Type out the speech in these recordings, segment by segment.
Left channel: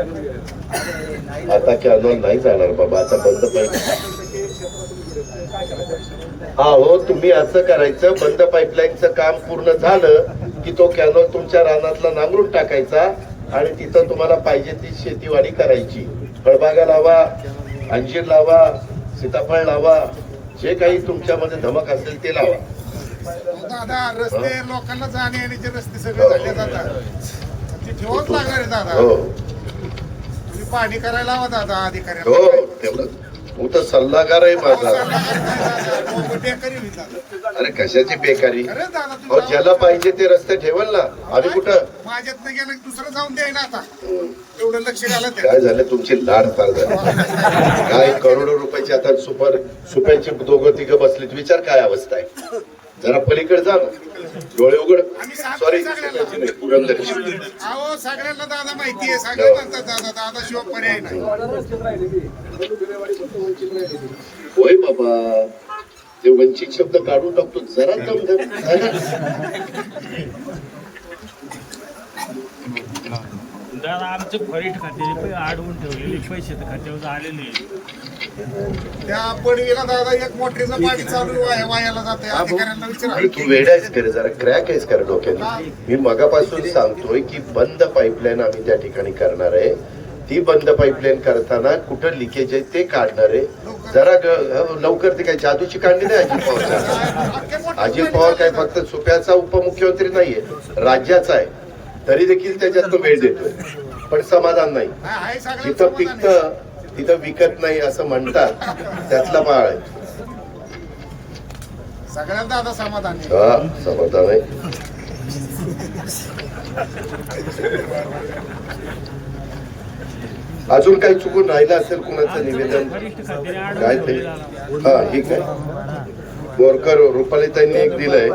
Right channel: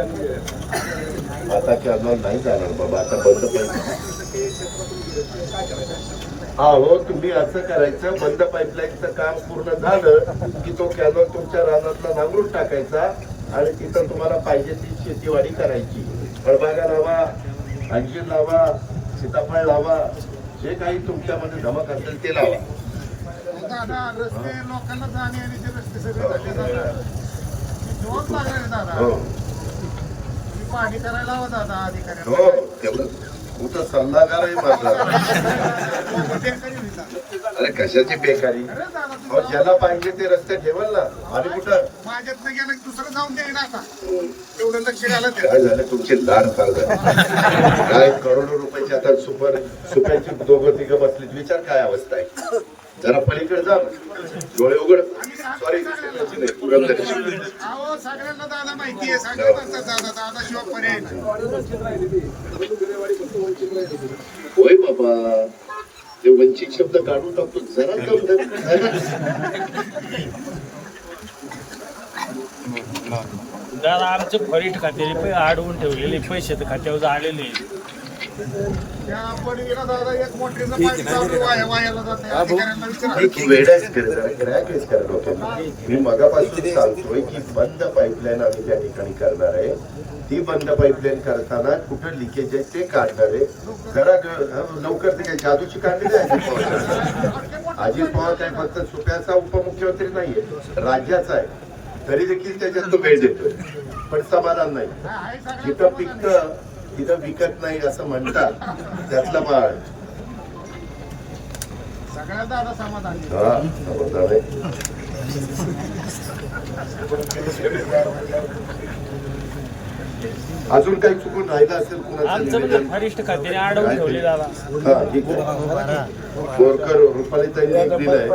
आता कॅनॉल नाही जाणार बाबा आता बंद पाहिजे हा हो तुम्ही असं करायचं बंद पाईपलाईनचं काम पूर्ण झालं की तो कॅनॉल तुमच्या रानातला नांगरून टाकायचा आणि तिथं तुम्हाला पाहिजे ती शेतीवाडी करायची. फळबागा लावा अंजीर लावा सीताफळ लावा जे काही तुमच्यामध्ये धमक असेल ते लावा. दादा रस्ते लोकांना जाणे येण्याचे रस्ते सगळे झाले दादा ते जेवण लागणार दादा. हो. पाणी करायला हवा दादा हो अधिकाऱ्यांना त्याला मोठा सल्लागार आहे माझा. बेकारी होईल दादा. अरे कशाची बेकारी? अरे दादा अहो तुम्ही ज्याला पाहिजे ते रस्ते ठेवल ना. आणि कुठं? माझ्यात नाही गेलं की दुसरं जाऊन द्याय ना आता. काय झालं? तुमची लाड फार झाली. काय करोडो रुपयाची आता सुपर सुप्याचे दोघं तिघं बसलेत विचार काय अवस्था आहे? जरा पलीकडे जा डोळे उघड. सॉरी होय बाबा. ते वंचित शब्द काढून टाकतो. जरा. आमचे फरीट खात्याचे अडवून ठेवलेले पैसे तर खात्यावर आलेले त्या पडवीला दादा एक मोठ्यानं गाडी चालू वाया वायाला जाते. अधिकाऱ्यांना विचारा. एक वेडाच करे जरा क्रॅक आहेस करा डोक्यात मी मगापासून सांगतोय की बंद पाईपलाईन आम्ही त्या ठिकाणी करणार आहे. ती बंद पाईपलाईन करताना कुठं लिकेज आहे ते काढणार आहे. जरा ग- लवकर ते काय जादूची काढली नाही अजित पवार अजित पवार काय फक्त सुप्याचा उपमुख्यमंत्री नाहीये राज्याचा आहे. तरी देखील त्याच्यात तो वेळ देतोय. पण समाधान नाही. जिथं पिकतं तिथं विकत नाही असं म्हणतात त्यातला माळ आहे. सगळ्यांना दादा समाधान. हा समाधान आहे. अजून काही चुकून राहिलं असेल कुणाचं निवेदन? खात्याने काय ते? हा ठीक आहे. बोरकर रुपालीताईंनी एक दिलंय.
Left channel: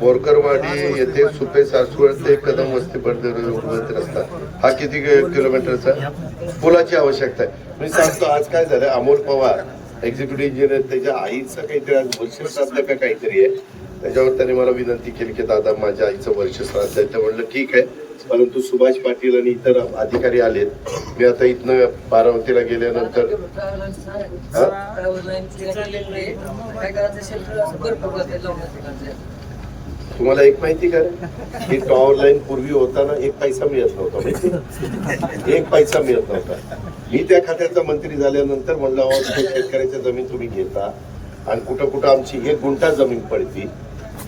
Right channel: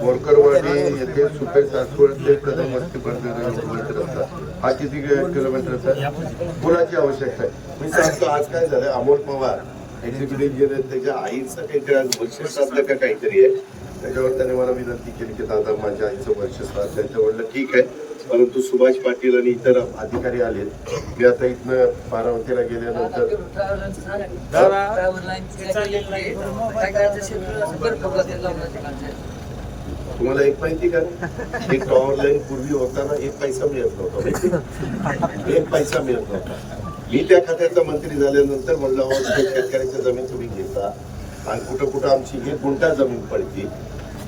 बोरकरवाडी येथे सुपे सासवड ते कदम वस्ती पर्यंत रस्ता हा किती किलोमीटरचा? पुलाची आवश्यकता आहे. मी सांगतो आज काय झालं अमोल पवार एक्झिक्युटिव्ह इंजिनियर त्याच्या आईचं काहीतरी आज वर्ष श्राद्ध का काहीतरी आहे. त्याच्यावर त्याने मला विनंती केली की दादा माझ्या आईचं वर्ष श्राद्ध आहे तर म्हणलं ठीक आहे. परंतु सुभाष पाटील आणि इतर अधिकारी आलेत. मी आता इथनं बारामतीला गेल्यानंतर तुम्हाला एक माहिती का? ही टॉवर लाईन पूर्वी होताना एक पैसा मिळत नव्हता. एक पैसा मिळत नव्हता. मी त्या खात्याचा मंत्री झाल्यानंतर म्हणलं शेतकऱ्याच्या जमीन तुम्ही घेता. आणि कुठं कुठं आमची एक गुंठा जमीन पडती.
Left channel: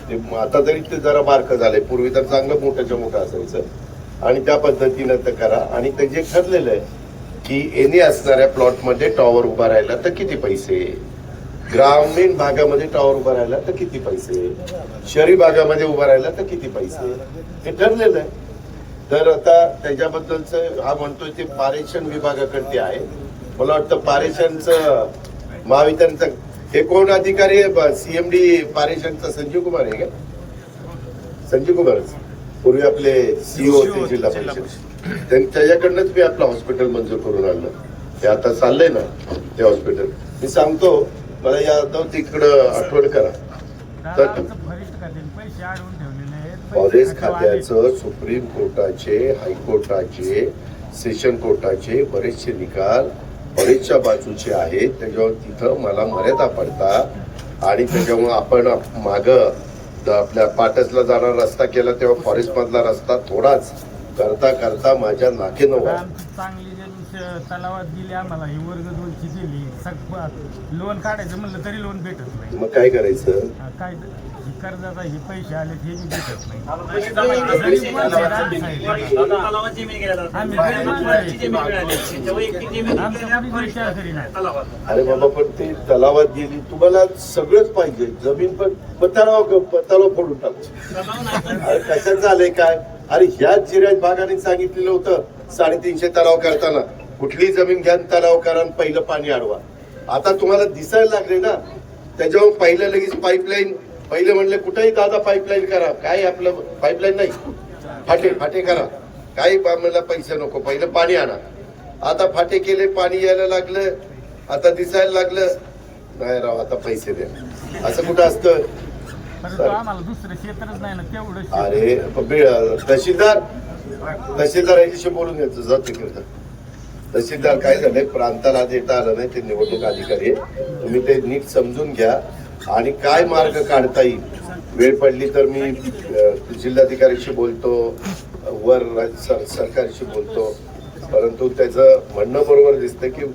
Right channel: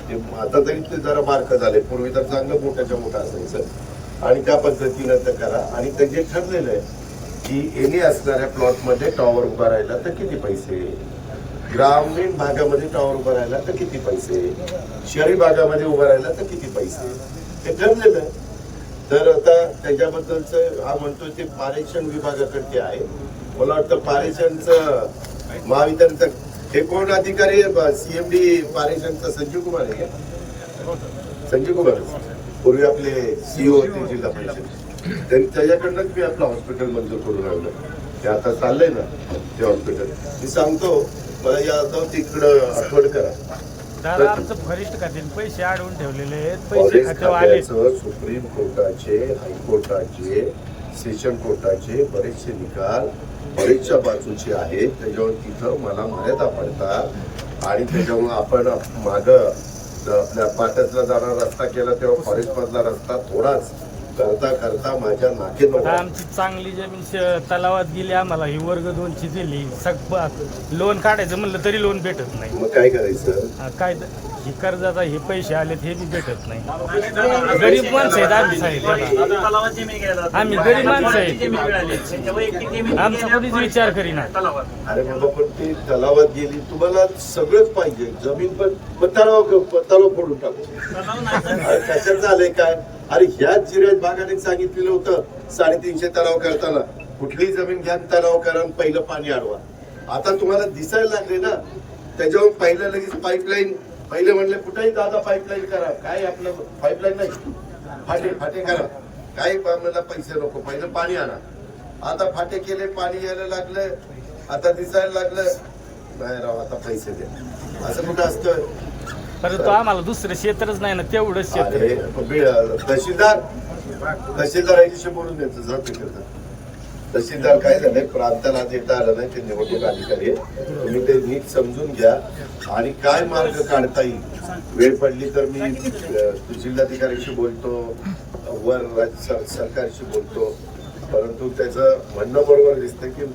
ते आता तरी ते जरा बारकं झालंय पूर्वी तर चांगलं मोठ्याच्या मोठं असायचं. आणि त्या पद्धतीनं तर करा. आणि ते जे ठरलेलं आहे की एने असणाऱ्या प्लॉटमध्ये टॉवर उभा राहिला तर किती पैसे? ग्रामीण भागामध्ये टॉवर उभा राहिला तर किती पैसे? शहरी भागामध्ये उभा राहिला तर किती पैसे? हे ठरलेलं आहे. तर आता त्याच्याबद्दलच हा म्हणतोय ते पारेषण विभागाकडे आहे. मला वाटतं पारेषणचं महावितरणचं हे कोण अधिकारी सीएमडी पारेषणचं संजीव कुमार आहे का? संजीव कुमार. पूर्वी आपले सीओ होते जिल्हा परिषद. त्यां- त्याच्याकडनंच मी आपलं हॉस्पिटल मंजूर करून आणलं. ते आता चाललंय ना ते हॉस्पिटल मी सांगतो मला या तिकडं आठवण करा. पैसे अडवून ठेवलेले फॉरेस्ट खात्याचं सुप्रीम कोर्टाचे हायकोर्टाचे सेशन कोर्टाचे बरेचसे निकाल फॉरेस्टच्या बाजूचे आहेत त्याच्यावर तिथं मला मर्यादा पडतात. आणि त्याच्यामुळे आपण मागं आपल्या पाटसला जाणारा रस्ता केला तेव्हा फॉरेस्ट मधला रस्ता थोडाच करता करता माझ्या नाकेनं. आमची चांगली जमीन श- तलावात गेली आम्हाला ही वर्ग दोनची दिली. सग लोन काढायचं म्हणलं तरी लोन भेटत नाही. मग काय करायचं? हा, काय द- ही कर्जाचा हे पैसे आलेत हे बी भेटत नाही. गरीब माणसं आहेत आम्ही सांगितलं आम्ही गरीब माणसं आहेत. आमचा विचार करीना. अरे बाबा पण ती तलावात गेली तुम्हाला सगळंच पाहिजे. जमीन पण पण तलाव तलाव फोडून टाकू. अरे झालंय काय? अरे ह्याच जिऱ्यात भागाने सांगितलेलं होतं साडेतीनशे तलाव करताना. कुठली जमीन घ्या तलाव करा आणि पहिलं पाणी अडवा. आता तुम्हाला दिसायला लागले ना त्याच्यावर पहिलं लगेच पाईपलाईन पहिले म्हणले कुठेही दादा पाईपलाईन करा. काय आपलं पाईपलाईन नाही. फाटे फाटे करा. काही मला पैसे नको पहिलं पाणी आणा. आता फाटे केले पाणी यायला लागलं आता दिसायला लागलं. नाही राव आता पैसे द्या. असं कुठं असतं? तर तो आम्हाला दुसरं क्षेत्रच नाही ना तेवढंच क्षेत्र. अरे बे- तहसीलदार तहसीलदारांशी बोलून घ्यायचं जात तिकडे तहसीलदार काय झालंय प्रांताला देता आलं नाही ते निवडणूक अधिकारी आहे. तुम्ही ते नीट समजून घ्या आणि काय मार्ग काढता येईल? वेळ पडली तर मी अ, जिल्हाधिकाऱ्याशी बोलतो वर राज्य सर- सरकारशी बोलतो. परंतु त्याचं म्हणणं बरोबर दिसतं की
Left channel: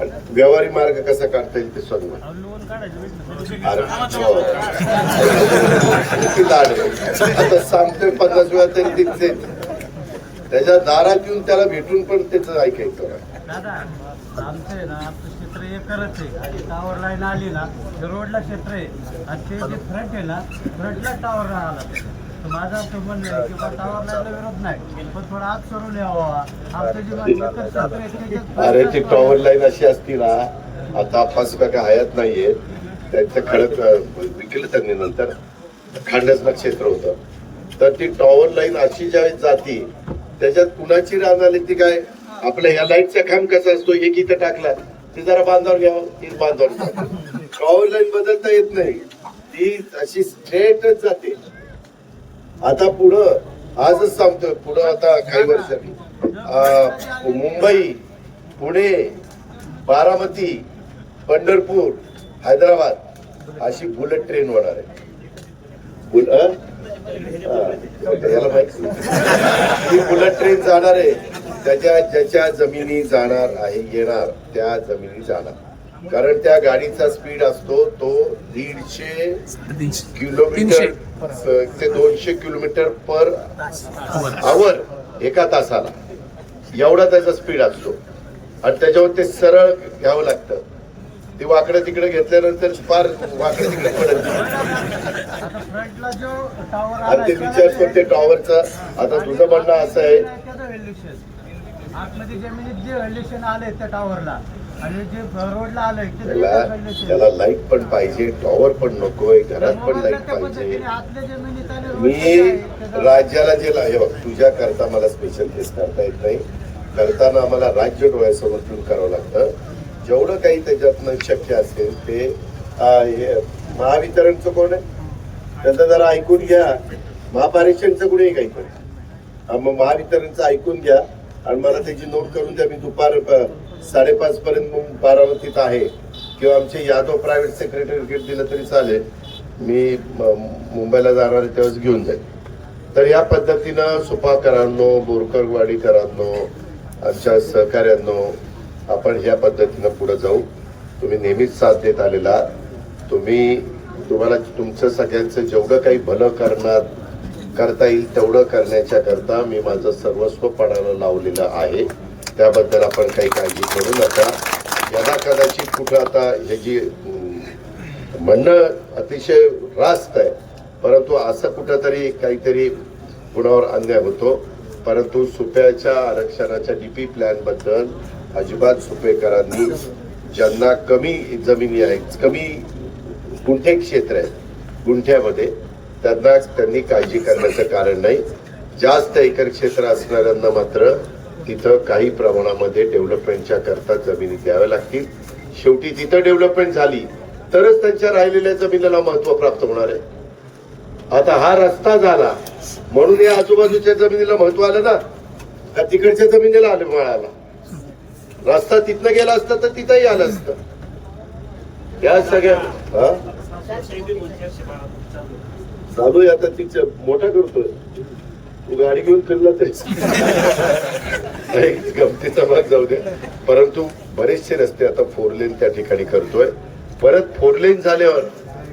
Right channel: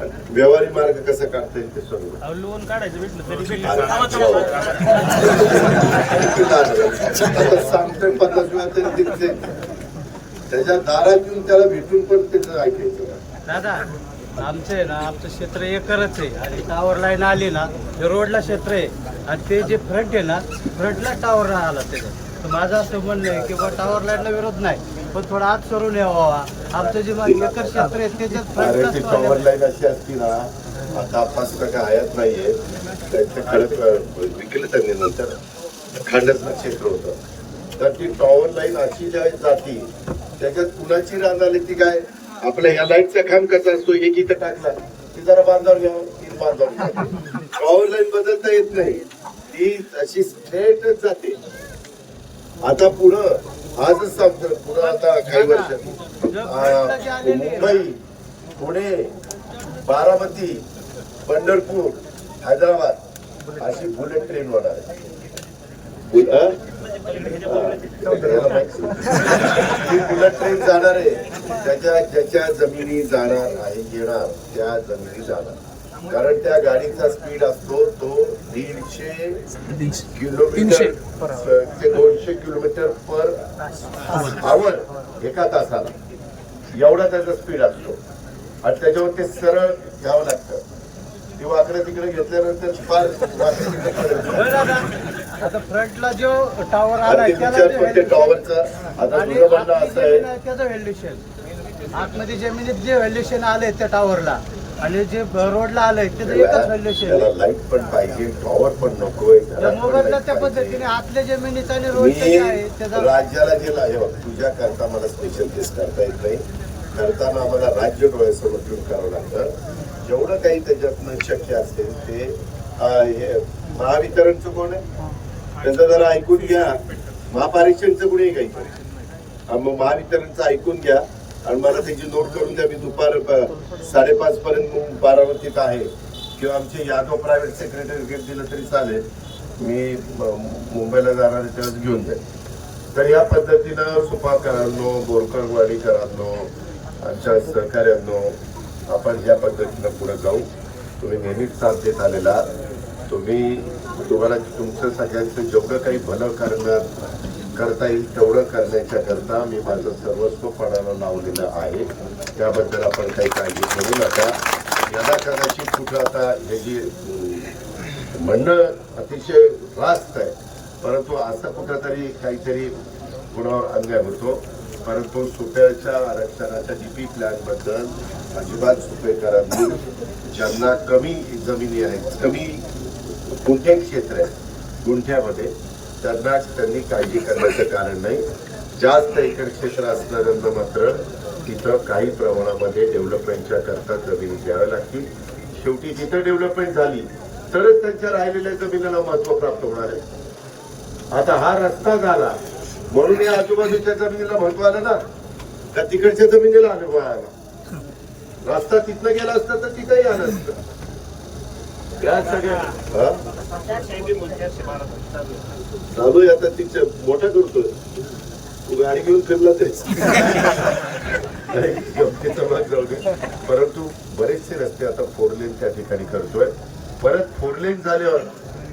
व्यवहारी मार्ग कसा काढता येईल ते सांगू. सांगतोय पन्नास वेळा तरी तिथे त्याच्या दारात येऊन त्याला भेटून पण त्याचं ऐकायचं. दादा आमचं आहे ना आमचं क्षेत्र एकरच आहे. आणि टावर लाईन आली ना ते रोडला क्षेत्र आहे. आणि ते जे फ्रंट आहे ना फ्रंटला टावर आला त्याच्या माझं असं म्हणणं आहे की टावर लाईनला विरोध नाही पण थोडा आत सरून यावा. आमचं जे क्षेत्र आहे त्याच्यात ती टॉवर लाईन अशी असती ना आता पाच टक्का हयात नाहीये. त्यांचं खडक विकलं त्यांनी नंतर खंडस्म क्षेत्र होतं. तर ती टॉवर लाईन अशी ज्यावेळेस जाती त्याच्यात कुणाची रान आली ती काय? आपल्या ह्या लाईटचा खांब कसा असतो? एक इथं टाकला ती जरा बांधावर घ्यावं ती बांधावर टॉवर लाईन बदलता येत नाही. ती अशी स्ट्रेटच जाते. आता पुढं आजच सांगतो पुढं आता काही वर्षांनी. मुंबई पुणे बारामती पंढरपूर हैदराबाद अशी बुलेट ट्रेन होणार आहे. अं? ही बुलेट ट्रेन जाणार आहे. त्याच्या ज्याच्या जमिनी जाणार आहे येणार त्या जमिनी जाणार. कारण त्या गाडीचा स्पीड असतो तो दीडशे किलोमीटर ते दोनशे किलोमीटर पर आवर एका तासाला. एवढा त्याचा स्पीड असतो. आणि त्याच्यावर ते सरळ घ्यावं लागतं. ते वाकडे तिकडे घेतल्यानंतर फार वाकडे तिकडे पडत नाही. आता फ्रंटला जो टावर आणि ते विचार पण ते टॉवरचा आता तुझं म्हणणं असं आहे. आतमध्ये जमिनीत जे व्हॅल्युशन आले त्या टावरला आणि जे रोडला आलंय त्याचं एकच त्याला लाइट पण पाहिजे टॉवर पण नकोय घरात पण लाइट मी राज्याला जे हे बघ तुझ्या करता मला स्पेशल केस करता येत नाही. करताना आम्हाला राज्य डोळ्यासमोर ठेवून करावं लागतं. जेवढं काही त्याच्यातनं शक्य असेल ते हे महावितरणचं कोण आहे? त्याचं जरा ऐकून घ्या. महापारेषणचं आहे काहीतरी अं, मग महावितरणचं ऐकून घ्या. आणि मला त्याची नोट करून द्या. मी दुपार प- साडेपाच पर्यंत बारामतीत आहे. किंवा आमचे यादव प्रायव्हेट सेक्रेटरी दिलं तरी चालेल. मी मुंबईला जाणार तेव्हाच घेऊन जाईल. तर या पद्धतीनं सुपाकरांनो बोरकरवाडीकरांनो आमच्या सहकार्यांनो आपण या पद्धतीनं पुढे जाऊ. तुम्ही नेहमीच साथ देत आलेला. तुम्ही तुम्हाला तुमचं सगळ्यांचं जेवढं काही भलं करणार करता येईल तेवढं करण्याच्या करता मी माझं सर्वस्व पणाला लावलेलं आहे. त्याबद्दल आपण काही काळजी करू नका. याला कदाचित कुठं आता ह्याची म्हणणं अतिशय रास्त आहे परंतु असं कुठंतरी काहीतरी कुणावर अन्याय होतो. परंतु सुप्याच्या आरक्षणाच्या डीपी प्लॅनबद्दल अजिबात सुपेकरांनी ज्यांना कमी जमिनी आहेत कमी गुंठे क्षेत्र आहे गुंठ्यामध्ये त्यांना त्यांनी काळजी करण्याचं कारण नाही. जास्त एकर क्षेत्र असणाऱ्यांना मात्र तिथं काही प्रमाणामध्ये डेव्हलपमेंटच्या करता जमिनी द्याव्या लागतील. शेवटी तिथं डेव्हलपमेंट झाली तरच त्यांच्या राहिलेल्या जमिनीला महत्त्व प्राप्त होणार आहे. आता हा रस्ता झाला म्हणून या आजूबाजूच्या जमिनीला महत्त्व आलं ना. का तिकडच्या जमिनीला आलं मिळाला रस्ता तिथनं गेला असता तर तिथंही आलं असतं. या सगळ्या हा? चालू आहे आता तिच्या मोठं करतो तू गाडी घेऊन फिरला तरी गमतीचा भाग जाऊ दे. परंतु बरेचसे रस्ते आता फोर लेन त्या ठिकाणी करतोय. परत फोर लेन झाल्यावर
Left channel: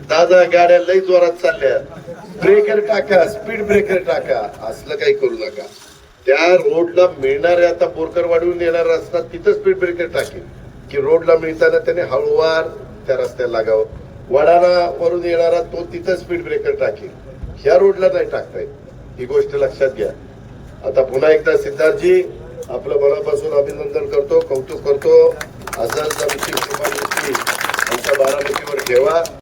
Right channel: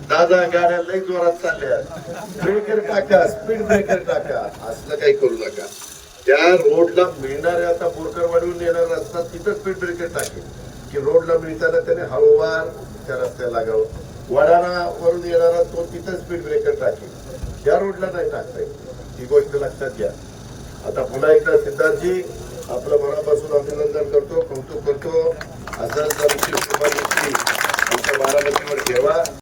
दादा गाड्या लई जोरात चालल्या. ब्रेकर टाका स्पीड ब्रेकर टाका. असलं काही करू नका. त्या रोडला मिळणाऱ्या आता बोरकर वाढवून येणारा रस्ता तिथं स्पीड ब्रेकर टाकेल. की रोडला मिळताना त्याने हळूवार त्या रस्त्याला लागावं. वडाणा वरून येणारा तो तिथं स्पीड ब्रेकर टाकेल. ह्या रोडला नाही टाकता ही गोष्ट लक्षात घ्या. आता पुन्हा एकदा सिद्धार्थजी आपलं मनापासून अभिनंदन करतो कौतुक करतो. असंच आमची शुभदृष्टी आमच्या बारामतीवर ठेवा.